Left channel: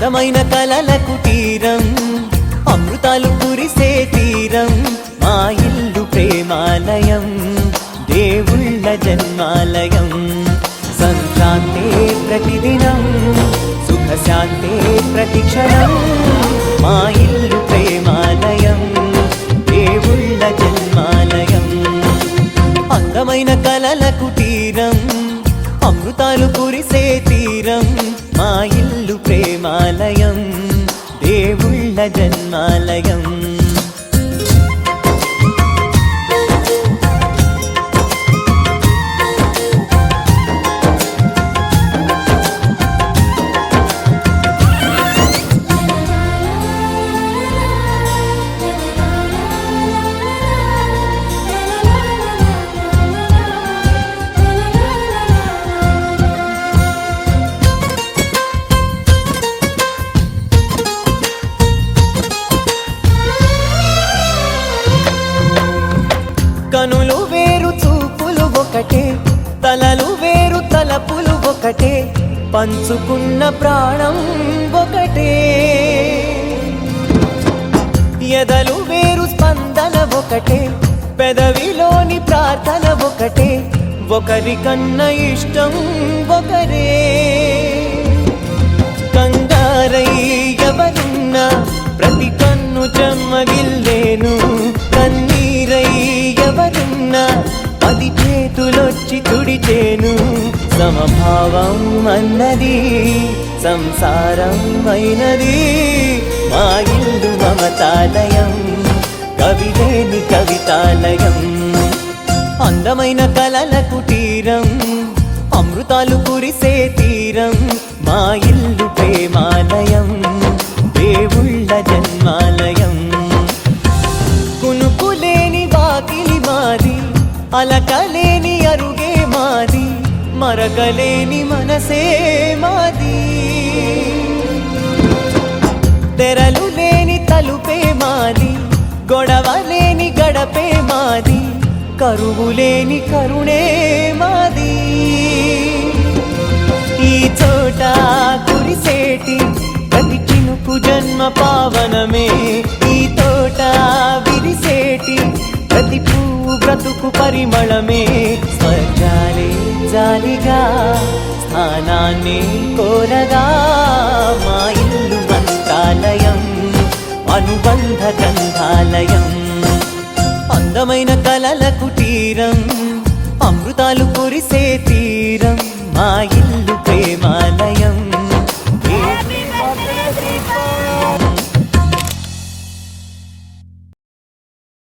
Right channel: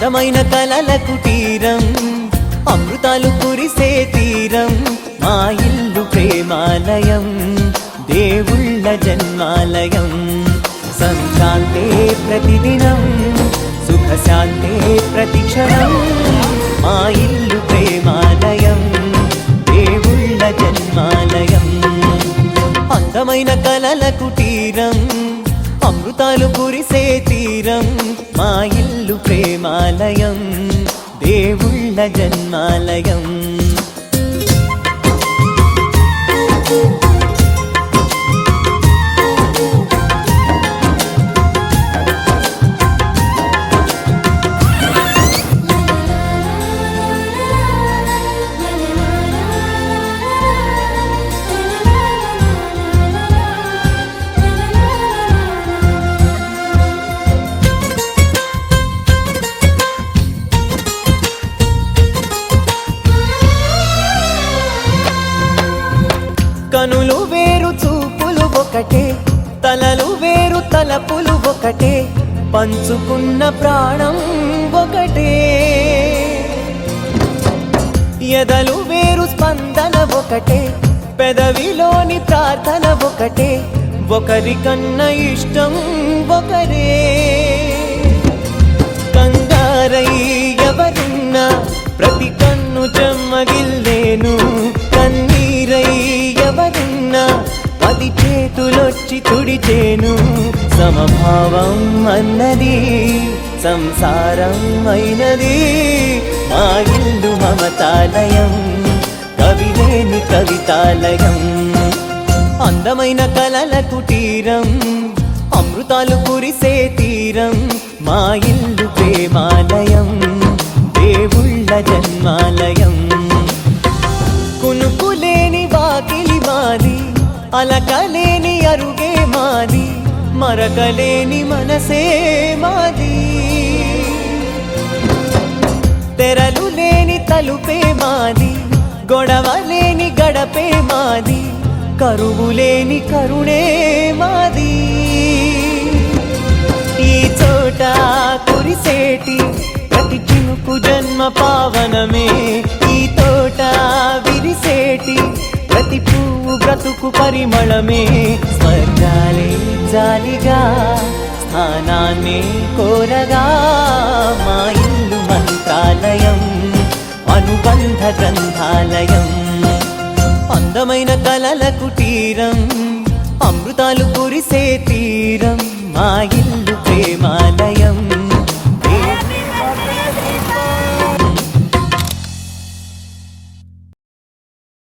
అందమైన కలల కుటీరం, అమృతాలు కురిసే తీరం, మా ఇల్లు ప్రేమాలయం, దేవుళ్ళ జన్మాలయం. సంక్రాంతే ప్రతిదినం, సుఖశాంతే ప్రతిక్షణం, మా ఇల్లు ప్రేమాలయం, దేవుళ్ళ జన్మాలయం. అందమైన కలల కుటీరం, అమృతాలు కురిసే తీరం, మా ఇల్లు ప్రేమాలయం, దేవుళ్ళ జన్మాలయం. కనులు వేరు చూపులు ఒకటే, తలలు వేరు తలపులు ఒకటే, పంచుకున్న ప్రాణం ఒకటే. ఎదలు వేరు స్పందన ఒకటే, పెదవిలోని ప్రార్థన ఒకటే, ఒకరికన్నా ఇష్టం ఒకరే. కంగారై ఎవరున్నా ప్రతి కన్ను చెమ్మగిల్లేను, కన్నీరై ఎవరున్నా 10 చేతులొచ్చి తుడిచేను. సమభావం అన్నది సంసారం అయినది, మా ఇల్లు మమతాలయం, కవిలేని కవితాలయం. అందమైన కలల కుటీరం, అమృతాలు కురిసే తీరం, మా ఇల్లు ప్రేమాలయం, దేవుళ్ళ జన్మాలయం. కునుకులేని వాకిలి మాది, అలకలేని అరుగే మాది, మరకలేని మనసే మాది. తెరలు లేని తలుపే మాది, గొడవలేని గడపే మాది, కరువులేని కరుణే మాది. ఈ చోట కురిసేటి ప్రతి చినుకు జన్మ పావనమే, ఈ తోట విరిసేటి ప్రతి పువ్వు బ్రతుకు పరిమళమే. స్వర్గాలే జాలిగా స్థానాన్ని కోరగా, మా ఇల్లు మంత్రాలయం, అనుబంధ గ్రంథాలయం. అందమైన కలల కుటీరం, అమృతాలు కురిసే తీరం, మా ఇల్లు ప్రేమాలయం,